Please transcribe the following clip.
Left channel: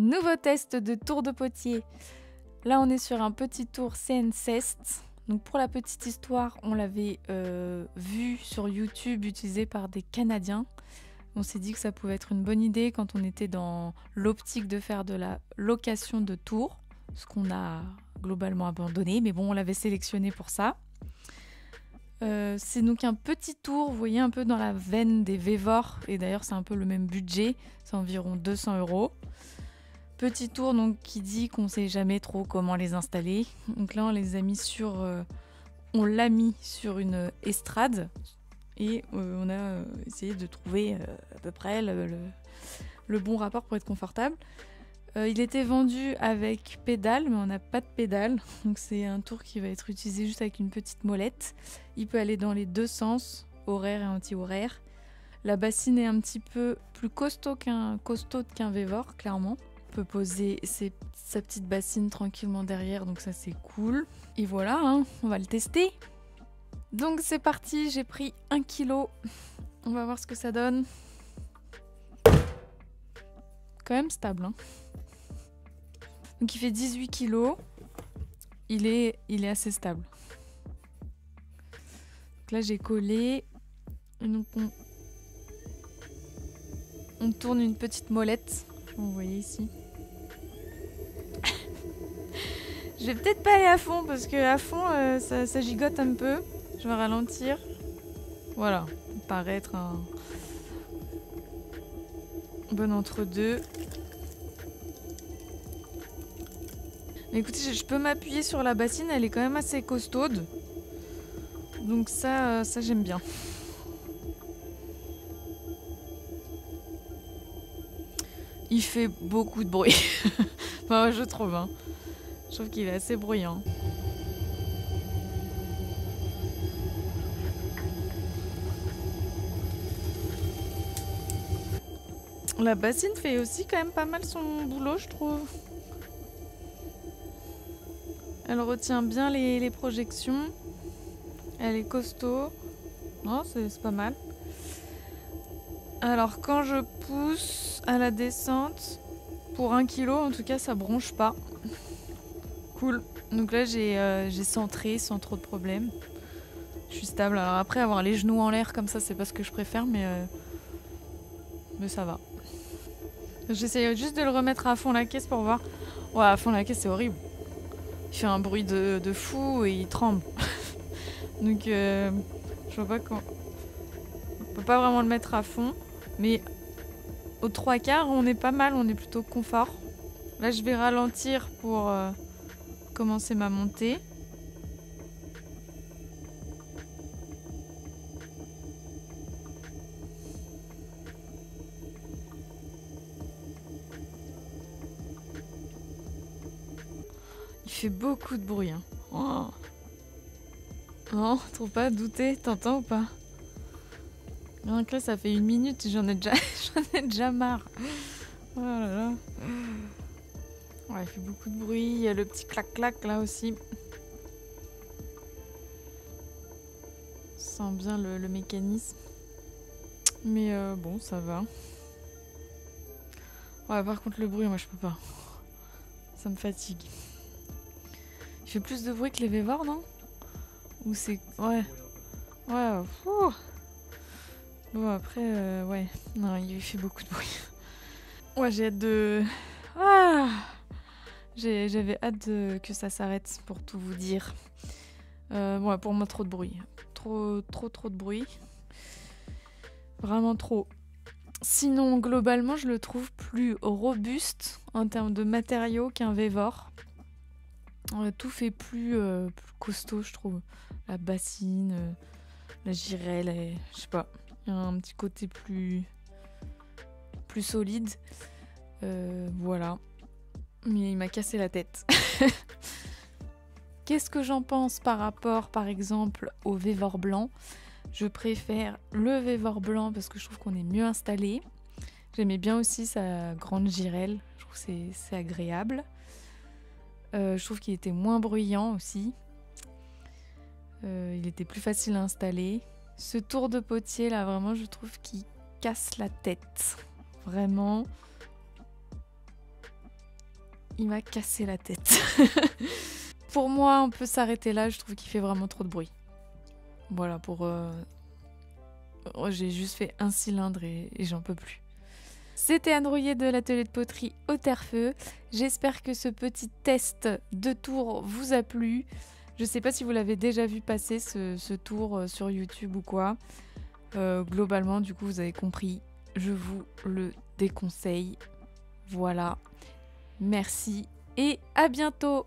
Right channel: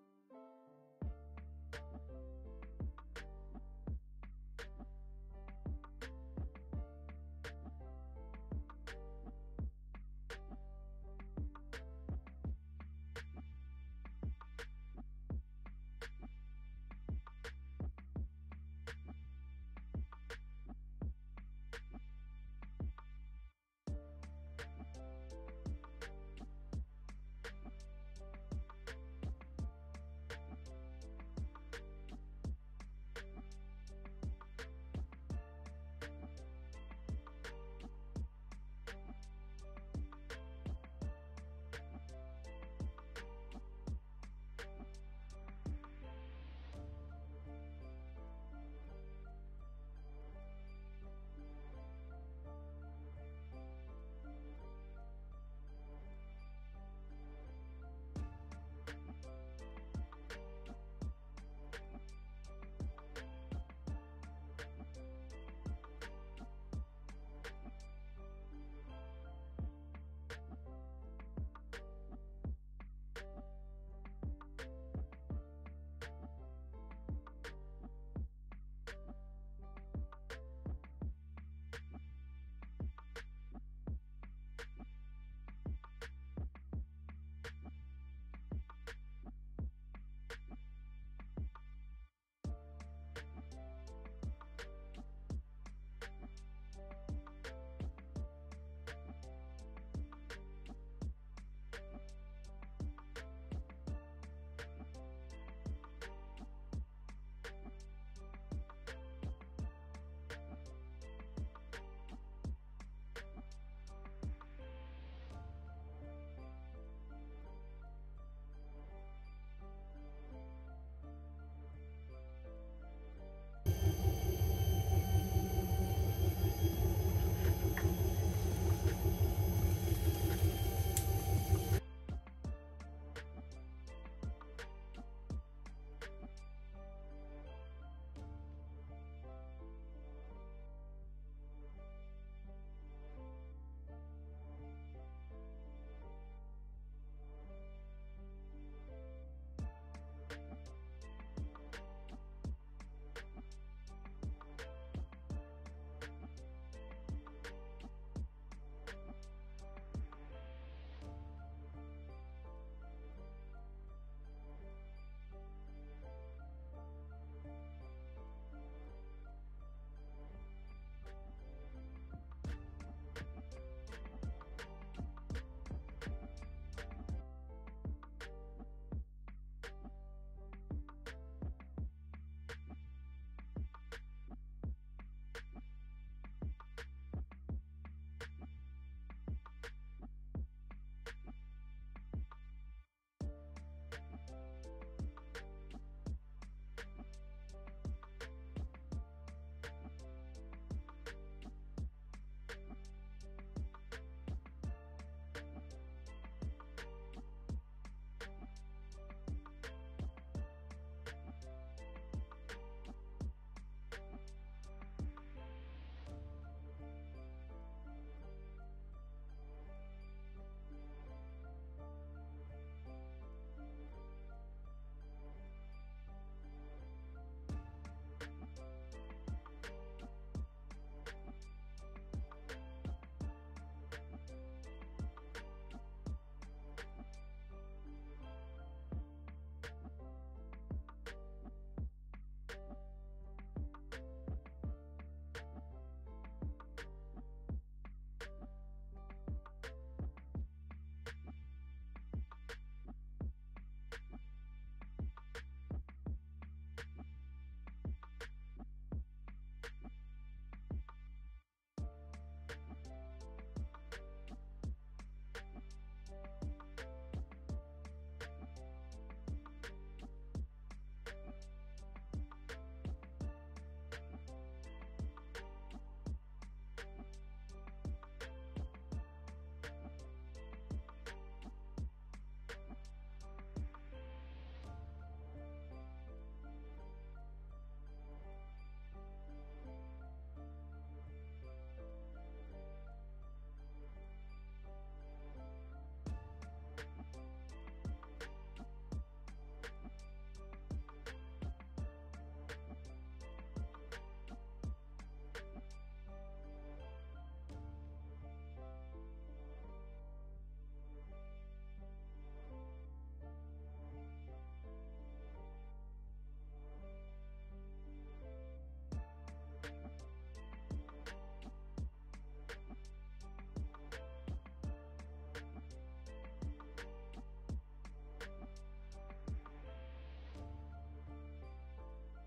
Nouveau test de tour de potier. Là, on est sur un petit tour CNCest. Donc pour la petite histoire, on l'avait vu sur YouTube utilisé par des Canadiens. On s'est dit que ça pouvait être une bonne idée quand on était dans l'optique de faire de la location de tours, ce qu'on a globalement abandonné, mais bon, on l'avait sélectionné pour ça. C'est donc un petit tour, vous voyez, un peu dans la veine des Vévor, et d'ailleurs c'est un peu le même budget, c'est environ 200 €. Petit tour donc qui dit qu'on ne sait jamais trop comment les installer. Donc là on les a mis sur, on l'a mis sur une estrade et on a essayé de trouver à peu près le bon rapport pour être confortable. Il était vendu avec pédale, mais on n'a pas de pédale, donc c'est un tour qui va être utilisé juste avec une petite molette. Il peut aller dans les deux sens, horaire et anti-horaire. La bassine est un petit peu plus costaud qu'un Vévor, clairement. On peut poser sa petite bassine tranquillement derrière, donc ça c'est cool. Et voilà, hein, on va le tester. Donc c'est parti, j'ai pris 1 kg. On va voir ce que ça donne. Quand même stable, hein. Donc il fait 18 kg. Il est assez stable. Donc là j'ai collé. Et donc on tourne une petite molette. Vous voyez ici. Je vais peut-être pas aller à fond parce que à fond ça gigote un peu. Je vais ralentir. Voilà, il paraît être un bon entre-deux. Écoutez, je peux m'appuyer sur la bassine, elle est quand même assez costaude. Donc ça j'aime bien. Il fait beaucoup de bruit. Enfin, je trouve, hein. Je trouve qu'il est assez bruyant. La bassine fait aussi quand même pas mal son boulot, je trouve. Elle retient bien les projections. Elle est costaud. Non, c'est pas mal. Alors quand je pousse à la descente, pour 1 kg en tout cas, ça bronche pas. Cool. Donc là j'ai centré sans trop de problèmes. Je suis stable. Alors après avoir les genoux en l'air comme ça, c'est pas ce que je préfère, mais ça va. J'essaye juste de le remettre à fond la caisse pour voir. Ouais, à fond la caisse c'est horrible. Il fait un bruit de fou et il tremble. Donc je vois pas comment. On peut pas vraiment le mettre à fond, mais aux 3/4 on est pas mal, on est plutôt confort. Là je vais ralentir pour commencer ma montée. Il fait beaucoup de bruit, hein. Oh. Non, trop pas douter, t'entends ou pas? Donc là ça fait 1 minute, j'en ai déjà marre. Oh là là. Ouais, il fait beaucoup de bruit, il y a le petit clac-clac là aussi. On sent bien le mécanisme. Mais bon, ça va. Ouais, par contre le bruit, moi je peux pas. Ça me fatigue. Il fait plus de bruit que les Vévor, non? Ou c'est... Ouais. Ouais, bon après, ouais. Non, il fait beaucoup de bruit. Ouais, j'ai hâte de... Ah, j'avais hâte que ça s'arrête, pour tout vous dire. Ouais, pour moi, trop de bruit. Trop de bruit. Vraiment trop. Sinon, globalement, je le trouve plus robuste en termes de matériaux qu'un Vévor. Tout fait plus costaud, je trouve. La bassine, la girelle, je sais pas. Il y a un petit côté plus solide. Voilà. Mais il m'a cassé la tête. Qu'est-ce que j'en pense par rapport, par exemple, au Vévor blanc? Je préfère le Vévor blanc parce que je trouve qu'on est mieux installé. J'aimais bien aussi sa grande girelle. Je trouve que c'est agréable. Je trouve qu'il était moins bruyant aussi. Il était plus facile à installer. Ce tour de potier là, vraiment, je trouve qu'il casse la tête. Vraiment. il m'a cassé la tête. Pour moi, on peut s'arrêter là, je trouve qu'il fait vraiment trop de bruit. Voilà, j'ai juste fait un cylindre et j'en peux plus. C'était Anne Rouillet de l'atelier de poterie au Terre-Feu. J'espère que ce petit test de tour vous a plu. Je sais pas si vous l'avez déjà vu passer ce tour sur YouTube ou quoi. Globalement, du coup, vous avez compris. Je vous le déconseille. Voilà. Merci et à bientôt.